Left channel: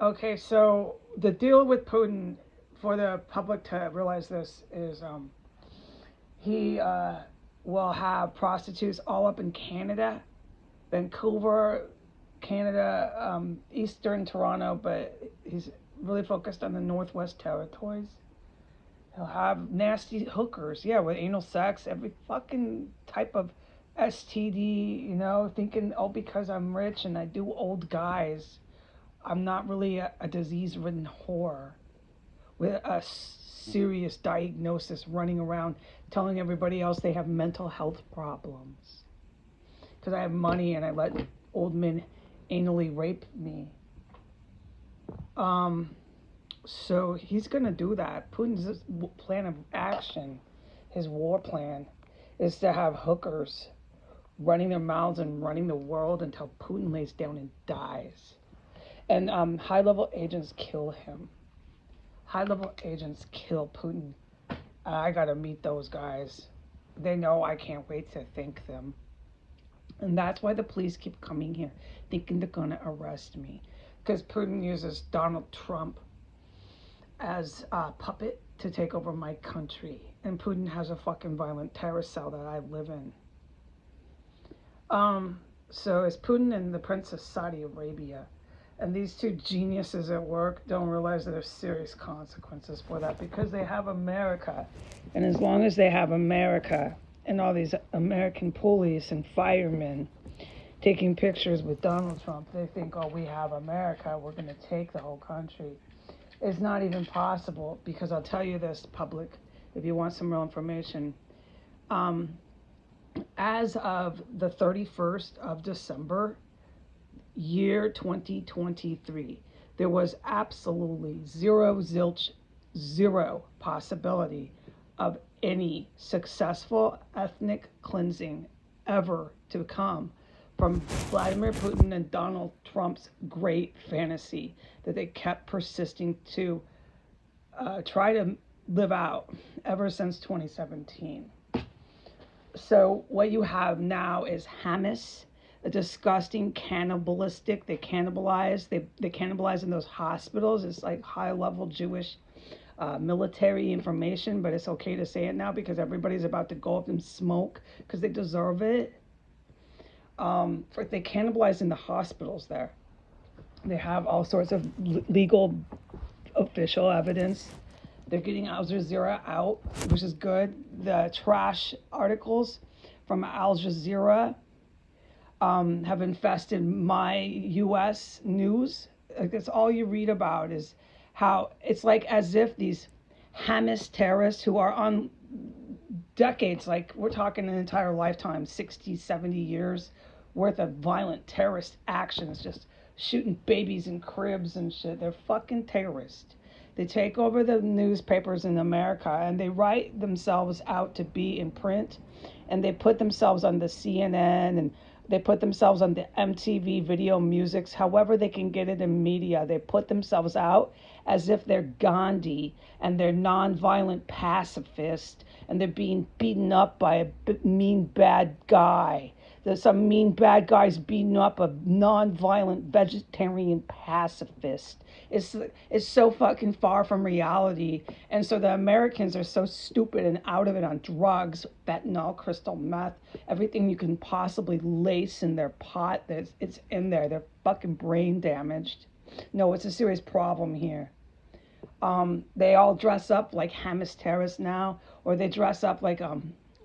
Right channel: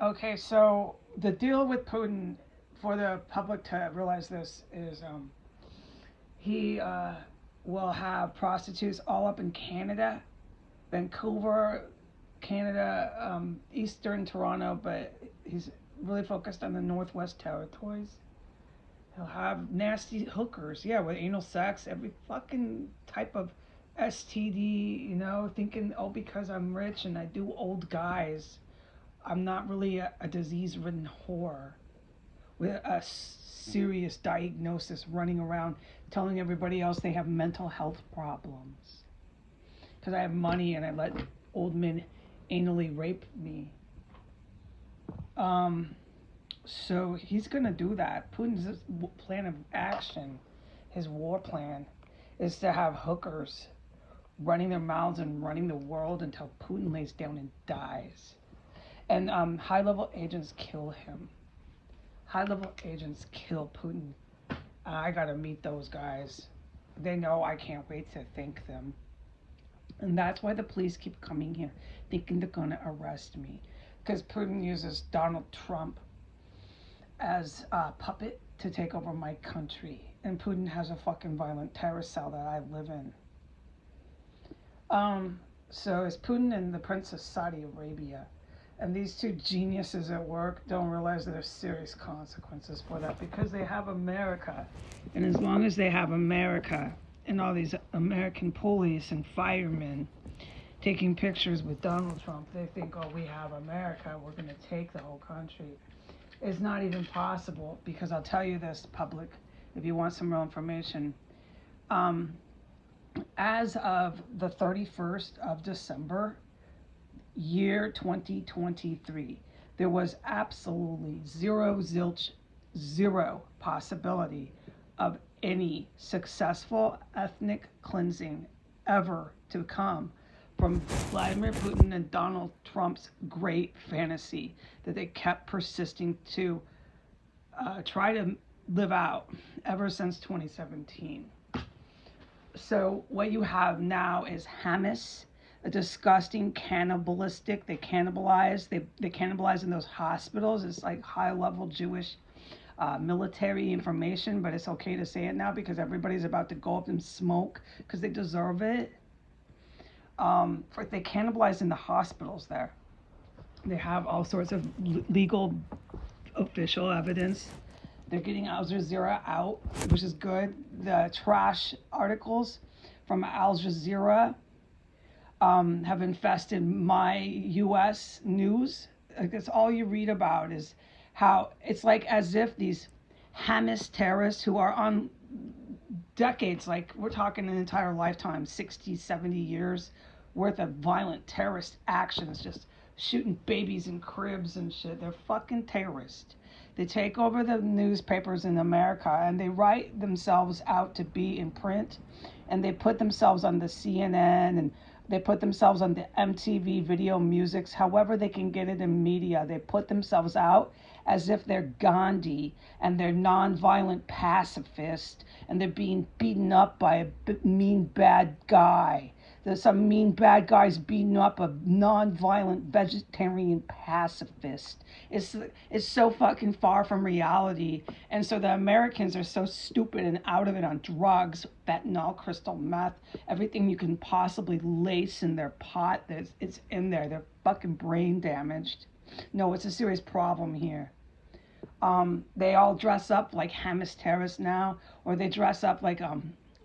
Okay, so the deal with Putin, for the public to realize this, is he will have prostitutes all up in Canada, Vancouver, Canada, Eastern Toronto, but he's really focused on the Northwest Territories. He'll have nasty hookers, yeah, with anal sex, every fucking type of STD, thinking, oh, because I'm rich and I do old guys, I'm not really a disease ridden whore with a serious diagnosis running around telling everybody else they have mental health problems. Because I have money and I let old men anally rape me. Um, so he's going to do that. Putin's plan of action, his war plan, is to have hookers running their mouths and running the world until Putin lays down and dies. And high level agents kill him. High level agents kill Putin. I gotta meet those guys. They know I can't wait to thank them. And that's why the police keep coming here, thinking they're gonna arrest me. Because Putin uses Donald Trump as a puppet to take over my country. And Putin has a fucking violent terrorist cell that I live in. So it's Putin and the Prince of Saudi Arabia. And these two geniuses at work don't realize that there's serious consequences for that because they have America. And as long as they have America and all these American police and firemen taking pictures with Donald Trump, they think, oh, we have America, we're going to take the whole country. It's not even possible because I'll tell you this, public, if you want some real information. As of the 31st of December, year 2023, there was absolutely zero possibility of any successful ethnic cleansing ever to come from Vladimir Putin and Donald Trump's great fantasy that they kept persisting to try to live out ever since 2017. So what you have now is Hamas, a disgusting cannibalistic. They cannibalize. They cannibalize in those hospitals. It's like high level Jewish military information, but it's okay to say it now because everybody's about to go up and smoke because they deserve it. They cannibalize in the hospitals there. They have all sorts of legal official evidence. They're getting Al Jazeera out, which is good. The trash articles from Al Jazeera have infested my U.S. news. Like, that's all you read about is how it's like as if these Hamas terrorists who are on decades, like we're talking an entire lifetime, 60, 70 years worth of violent terrorist actions, just shooting babies in cribs and shit. They're fucking terrorists. They take over the newspapers in America and they write themselves out to be in print, and they put themselves on the CNN and they put themselves on the MTV video musics, however they can get it in media. They put themselves out as if they're Gandhi and they're nonviolent pacifists and they're being beaten up by a mean bad guy. There's some mean bad guys beating up a non-violent vegetarian pacifist. It's so fucking far from reality. And so the Americans are so stupid and out of it on drugs, fentanyl, crystal meth, everything you can possibly lace in their pot. It's in there. They're fucking brain damaged. No, it's a serious problem here. They all dress up like Hamas terrorists now, or they dress up like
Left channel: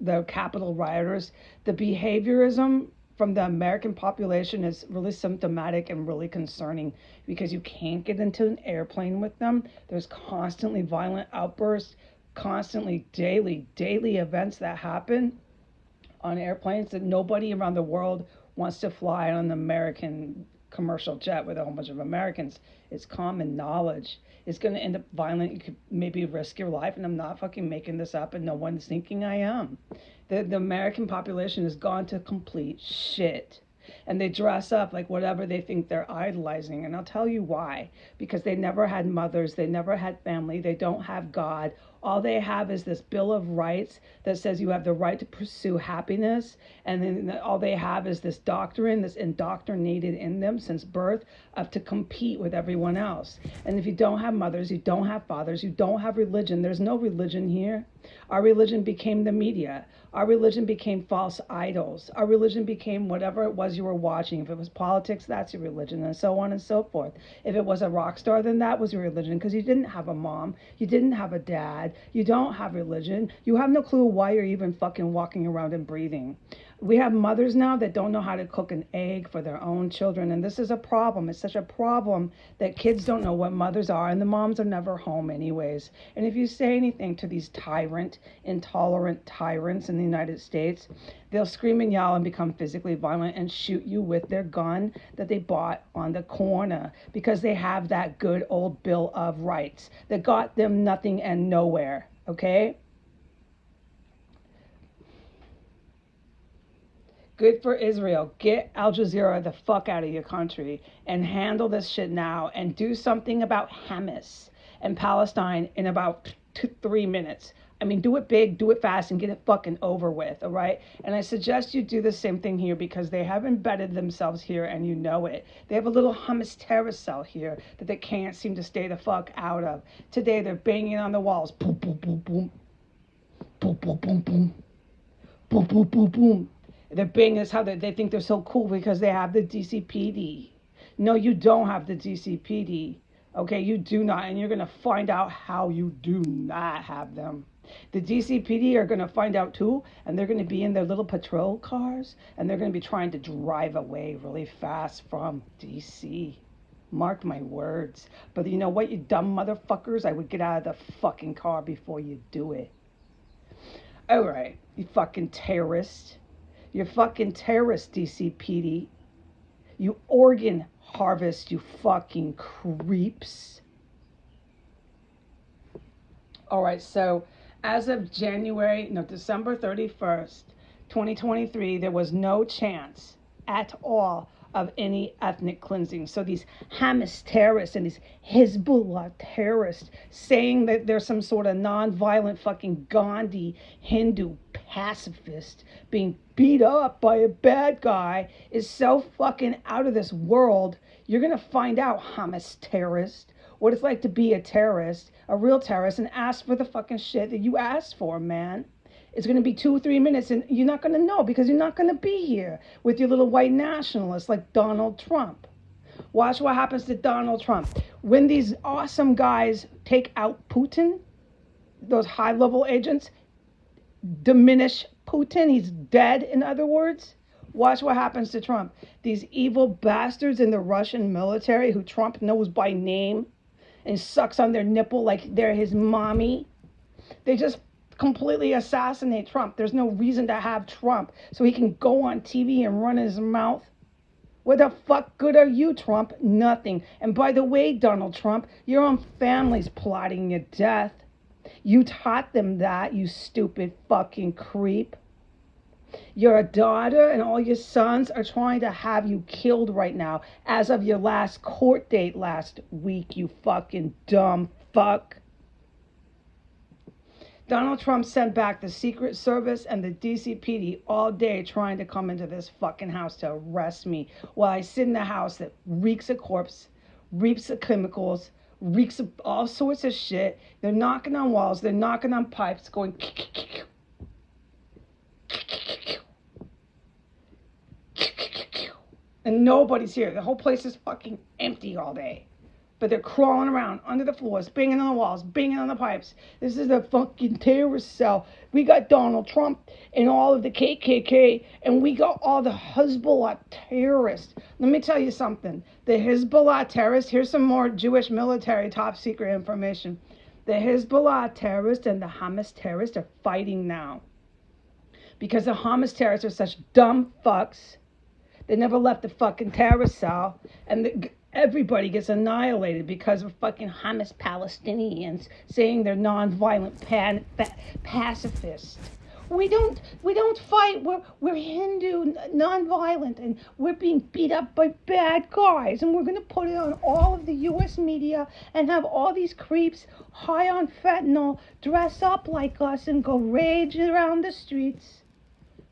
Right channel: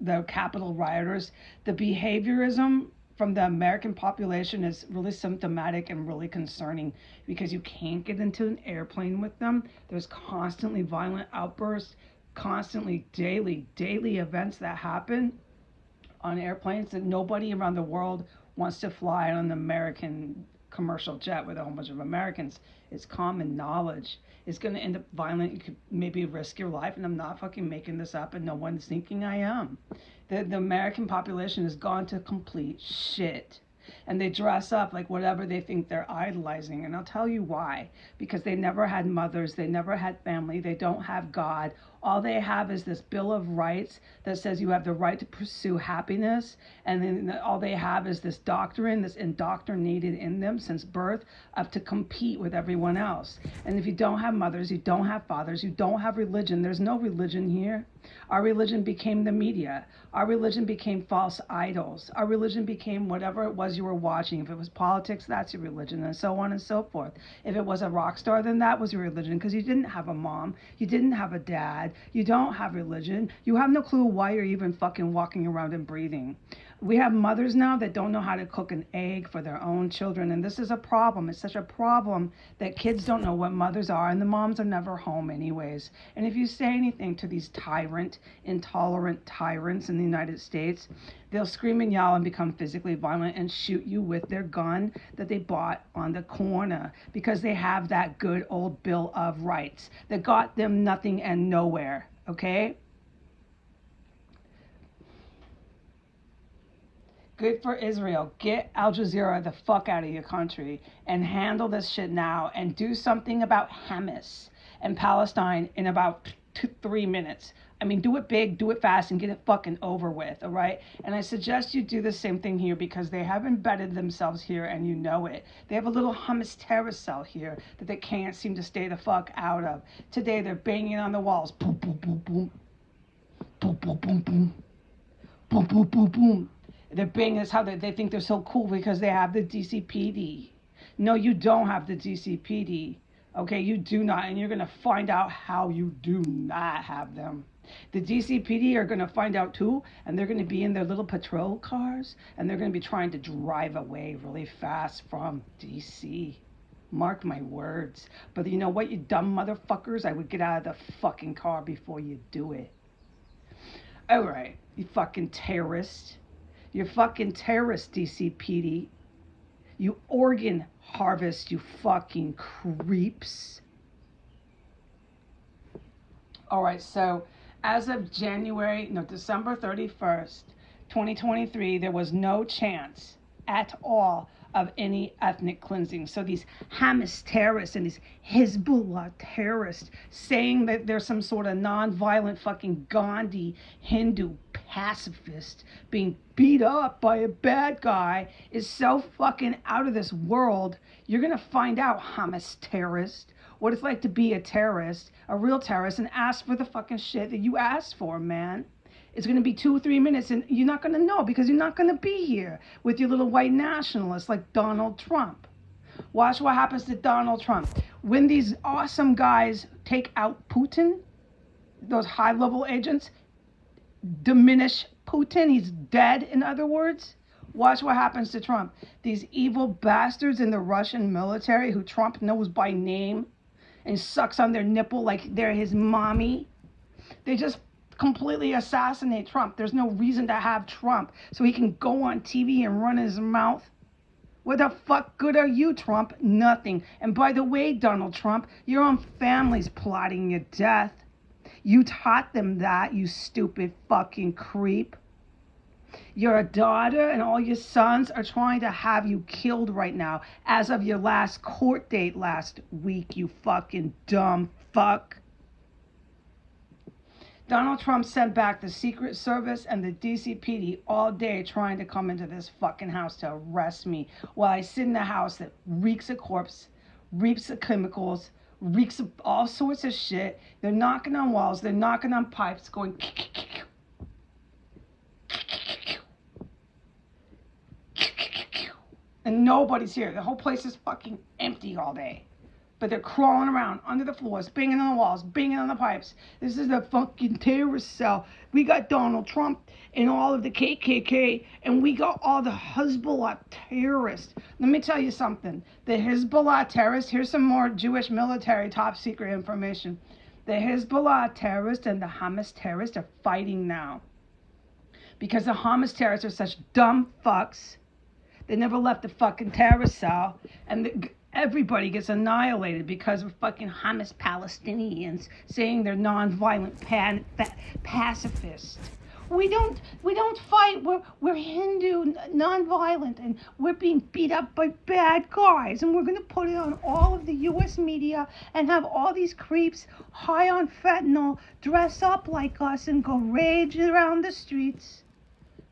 the Capitol rioters. The behaviorism from the American population is really symptomatic and really concerning because you can't get into an airplane with them. There's constantly violent outbursts, constantly daily events that happen on airplanes that nobody around the world wants to fly on an American commercial jet with a whole bunch of Americans. It's common knowledge. It's going to end up violent. You could maybe risk your life, and I'm not fucking making this up, and no one's thinking I am. The American population has gone to complete shit. and they dress up like whatever they think they're idolizing. And I'll tell you why. Because they never had mothers, they never had family, they don't have God. All they have is this Bill of Rights that says you have the right to pursue happiness. And then all they have is this doctrine that's indoctrinated in them since birth of to compete with everyone else. And if you don't have mothers, you don't have fathers, you don't have religion, there's no religion here. Our religion became the media. Our religion became false idols. Our religion became whatever it was you were watching. If it was politics, that's your religion, and so on and so forth. If it was a rock star, then that was your religion, because you didn't have a mom, you didn't have a dad, you don't have religion, you have no clue why you're even fucking walking around and breathing. We have mothers now that don't know how to cook an egg for their own children, and this is a problem. It's such a problem that kids don't know what mothers are, and the moms are never home anyways. And if you say anything to these intolerant tyrants in the United States, they'll scream and yell and become physically violent and shoot you with their gun that they bought on the corner, because they have that good old Bill of Rights that got them nothing and nowhere, okay? Good for Israel. Get Al Jazeera the fuck out of your country and handle this shit now and do something about Hamas and Palestine in about 3 minutes. I mean, do it big, do it fast, and get it fucking over with, all right? And I suggest you do the same thing here, because they have embedded themselves here and you know it. They have a little Hamas terrorist cell here that they can't seem to stay the fuck out of. Today they're banging on the walls. Boom, boom, boom, boom. Boom, boom, boom, boom. Boom, boom, boom, boom. They're banging this how they think they're so cool because they have the DCPD. No, you don't have the DCPD. Okay, you do not. And you're going to find out how you do not have them. The DCPD are going to find out too, and they're going to be in their little patrol cars, and they're going to be trying to drive away really fast from DC. Mark my words. But you know what, you dumb motherfuckers? I would get out of the fucking car before you do it. All right, you fucking terrorist. You're fucking terrorist, DCPD. You organ harvest, you fucking creeps. All right, so as of December 31st, 2023, there was no chance at all of any ethnic cleansing. So these Hamas terrorists and these HIZBOLAH terrorists saying that there's some sort of non-violent fucking Gandhi Hindu pacifist being beat up by a bad guy is so fucking out of this world. You're gonna find out, Hamas terrorist, what it's like to be a terrorist, a real terrorist, and ask for the fucking shit that you asked for, man. It's going to be 2 or 3 minutes, and you're not going to know, because you're not going to be here with your little white nationalists like Donald Trump. Watch what happens to Donald Trump. When these awesome guys take out Putin, those high-level agents, diminish Putin, he's dead, in other words. Watch what happens to Trump. These evil bastards in the Russian military who Trump knows by name and sucks on their nipple like they're his mommy, they just completely assassinate Trump. There's no reason to have Trump so he can go on TV and run his mouth. What the fuck good are you, Trump? Nothing. And by the way, Donald Trump, your own family's plotting your death. You taught them that, you stupid fucking creep. Your daughter and all your sons are trying to have you killed right now as of your last court date last week, you fucking dumb fuck. Donald Trump sent back the Secret Service and the DCPD all day trying to come into this fucking house to arrest me while I sit in a house that reeks of corpse, reeks of chemicals, reeks of all sorts of shit. They're knocking on walls, they're knocking on pipes, going and nobody's here. The whole place is fucking empty all day. But they're crawling around under the floors, banging on the walls, banging on the pipes. This is a fucking terrorist cell. We got Donald Trump and all of the KKK, and we got all the Hezbollah terrorists. Let me tell you something. The Hezbollah terrorists, here's some more Jewish military top secret information. The Hezbollah terrorists and the Hamas terrorists are fighting now. Because the Hamas terrorists are such dumb fucks. They never left the fucking terrorist cell, and everybody gets annihilated because of fucking Hamas Palestinians saying they're non-violent pacifists. We don't fight. We're Hindu, non-violent, and we're being beat up by bad guys, and we're gonna put it on all of the U.S. media and have all these creeps high on fentanyl dress up like us and go rage around the streets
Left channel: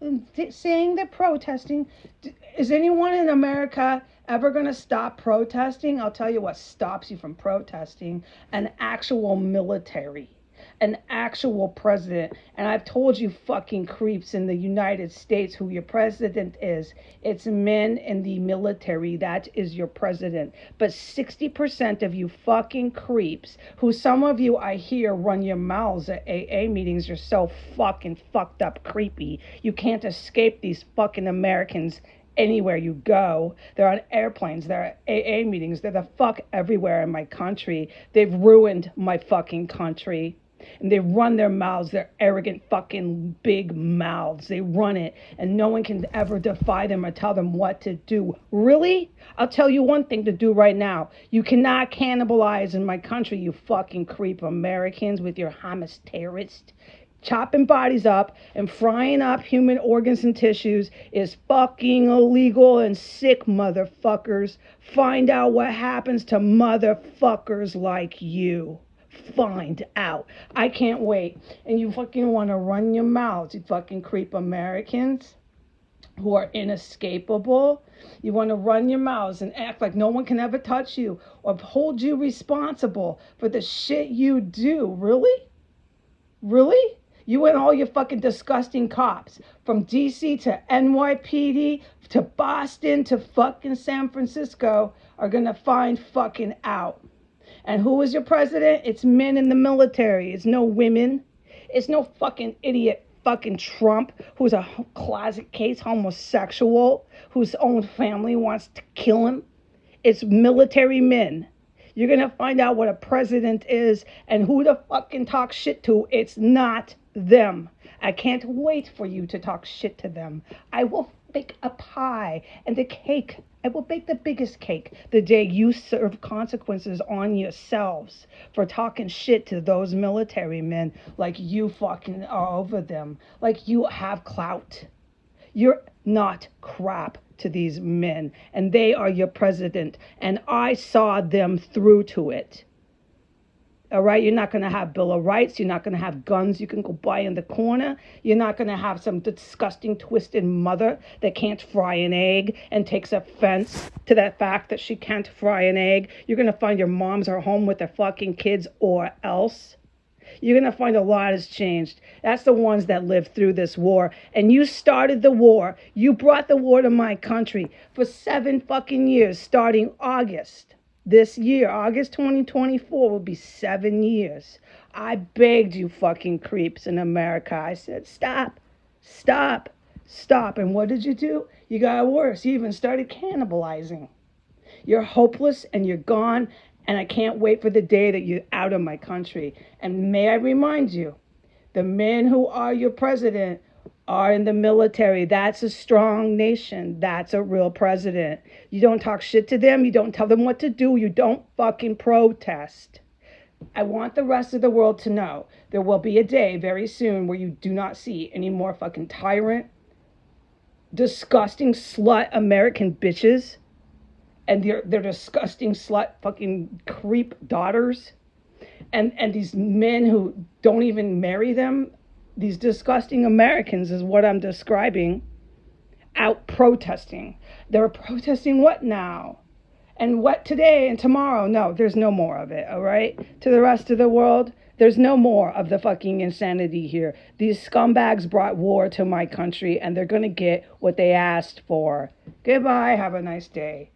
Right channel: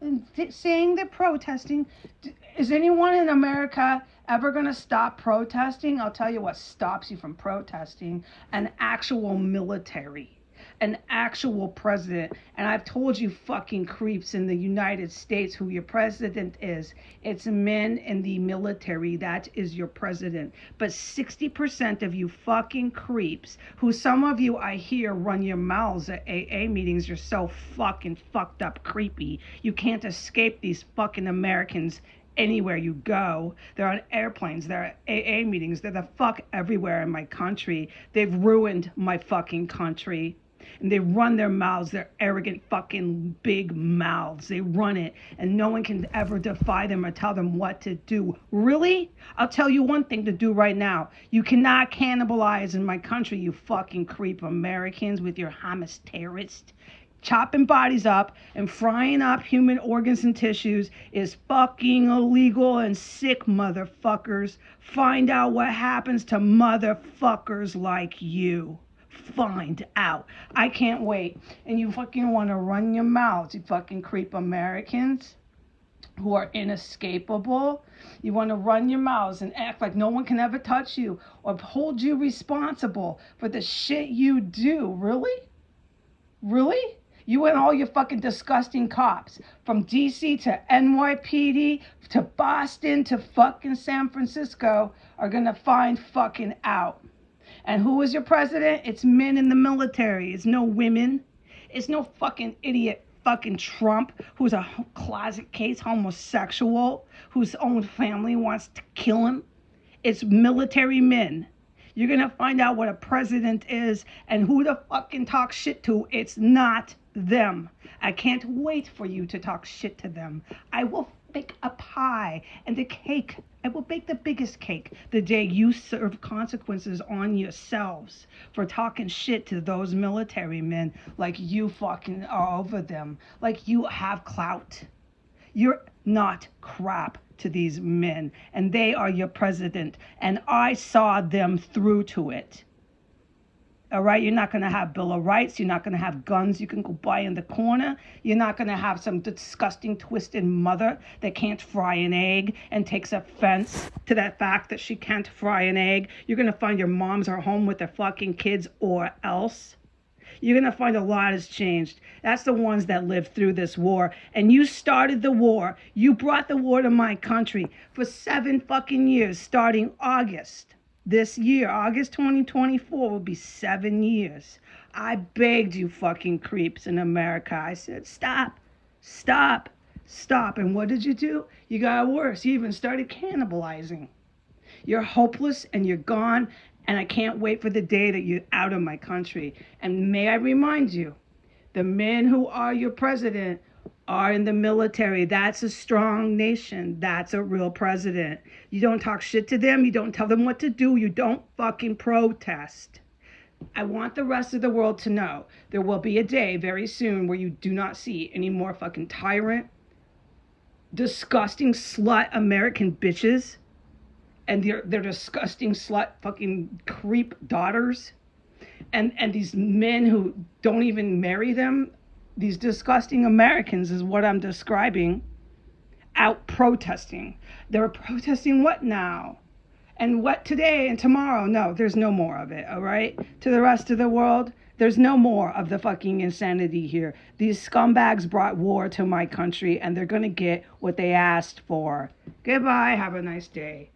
and saying they're protesting. Is anyone in America ever going to stop protesting? I'll tell you what stops you from protesting: an actual military, an actual president. And I've told you fucking creeps in the United States who your president is. It's men in the military. That is your president. But 60% of you fucking creeps, who some of you I hear run your mouths at AA meetings, you're so fucking fucked up creepy. You can't escape these fucking Americans anywhere you go. They're on airplanes, they're at AA meetings, they're the fuck everywhere in my country. They've ruined my fucking country. And they run their mouths, their arrogant fucking big mouths. They run it, and no one can ever defy them or tell them what to do. Really? I'll tell you one thing to do right now. You cannot cannibalize in my country, you fucking creep Americans with your Hamas terrorists. Chopping bodies up and frying up human organs and tissues is fucking illegal and sick, motherfuckers. Find out what happens to motherfuckers like you. Find out. I can't wait. And you fucking want to run your mouths, you fucking creep Americans who are inescapable. You want to run your mouths and act like no one can ever touch you or hold you responsible for the shit you do. Really? Really? You and all your fucking disgusting cops, from DC to NYPD to Boston to fucking San Francisco, are gonna find fucking out. And who is your president? It's men in the military. It's no women. It's no fucking idiot fucking Trump, who's a closet case homosexual, whose own family wants to kill him. It's military men. You're going to find out what a president is and who to fucking talk shit to. It's not them. I can't wait for you to talk shit to them. I will bake a pie and a cake. I will bake the biggest cake the day you serve consequences on yourselves for talking shit to those military men like you fucking are over them, like you have clout. You're not crap to these men, and they are your president, and I saw them through to it. All right, you're not going to have Bill of Rights. You're not going to have guns you can go buy in the corner. You're not going to have some disgusting, twisted mother that can't fry an egg and takes offense to that fact that she can't fry an egg. You're going to find your moms are home with their fucking kids, or else. You're going to find a lot has changed. That's the ones that lived through this war. And you started the war. You brought the war to my country for 7 fucking years, starting August. This year, August 2024, will be 7 years. I begged you fucking creeps in America. I said, stop, stop, stop. And what did you do? You got worse. You even started cannibalizing. You're hopeless and you're gone. And I can't wait for the day that you're out of my country. And may I remind you, the men who are your president are in the military. That's a strong nation. That's a real president. You don't talk shit to them. You don't tell them what to do. You don't fucking protest. I want the rest of the world to know there will be a day very soon where you do not see any more fucking tyrant, disgusting slut American bitches and their disgusting slut fucking creep daughters and these men who don't even marry them. These disgusting Americans is what I'm describing, out protesting. They're protesting what now? And what today and tomorrow? No, there's no more of it, all right? To the rest of the world, there's no more of the fucking insanity here. These scumbags brought war to my country, and they're gonna get what they asked for. Goodbye, have a nice day.